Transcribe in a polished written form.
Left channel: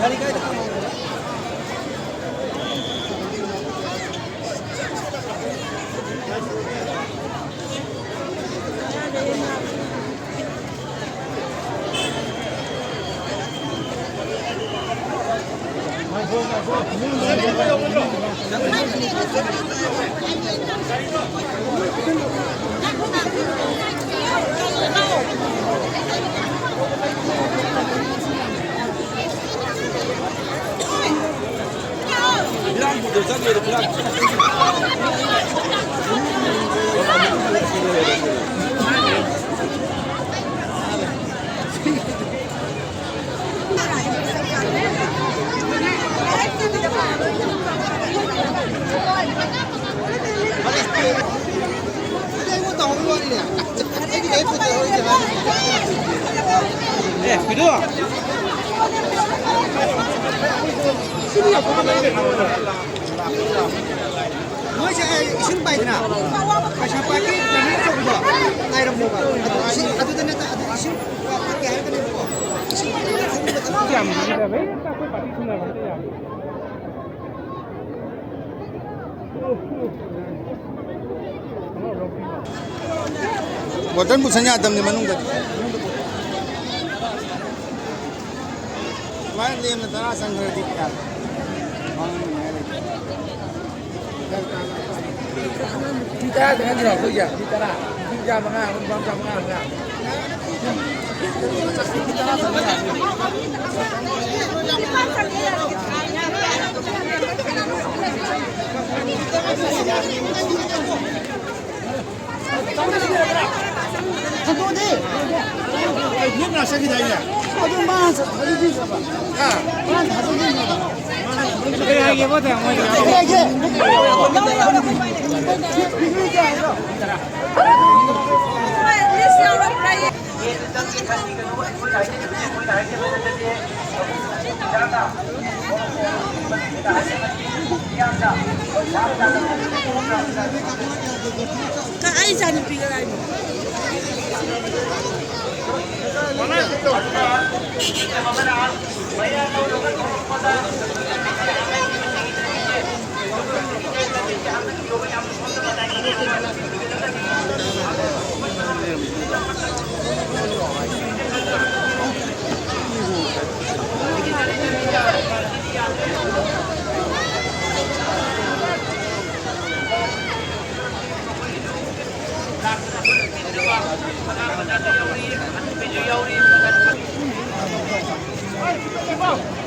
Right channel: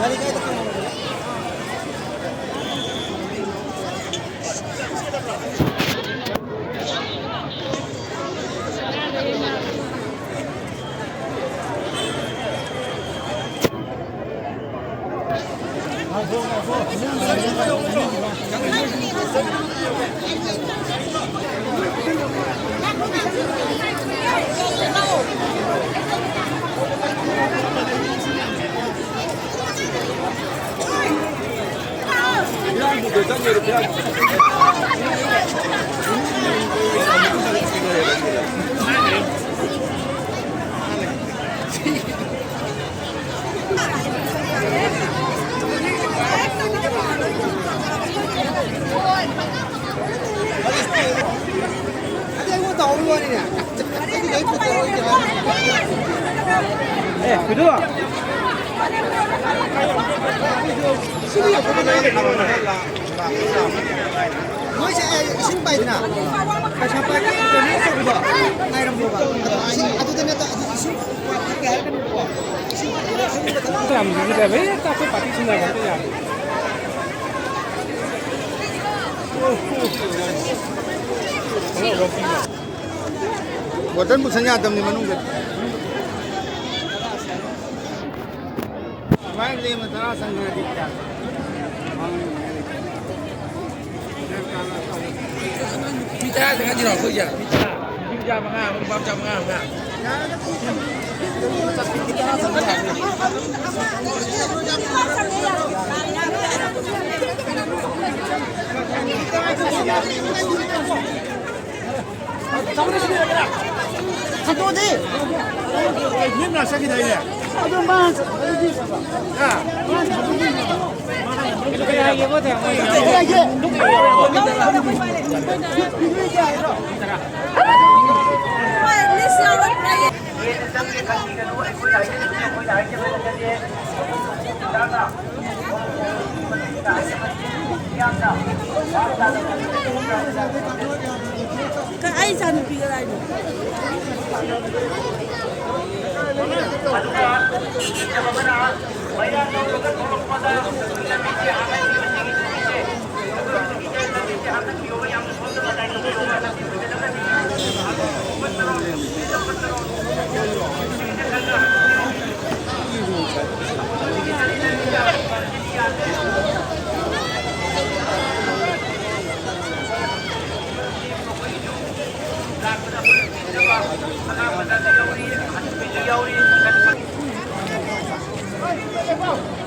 그래도 신이가 그거네. 뭐지? 신바이나. 가샤파게 저기 저거. 나이로 뭐가. 신 아주 되는 신 밖에 할 거는 거. 신 làm gì vậy bé tao phải phải xin này cái gì Botan busanya adam di manung gad. Main lima tara sanggar dikta. pita dengan di laut saja pita mana lubang jam mana enggak pita sanggar Kamu di sini ada. Satu di. Ini nasi kita ini. Lagi apa tu? Kak Aisyah ni pergi lain. Mana itu? Hãy subscribe cho kênh Ghiền Mì Gõ để không bỏ lỡ những video hấp dẫn.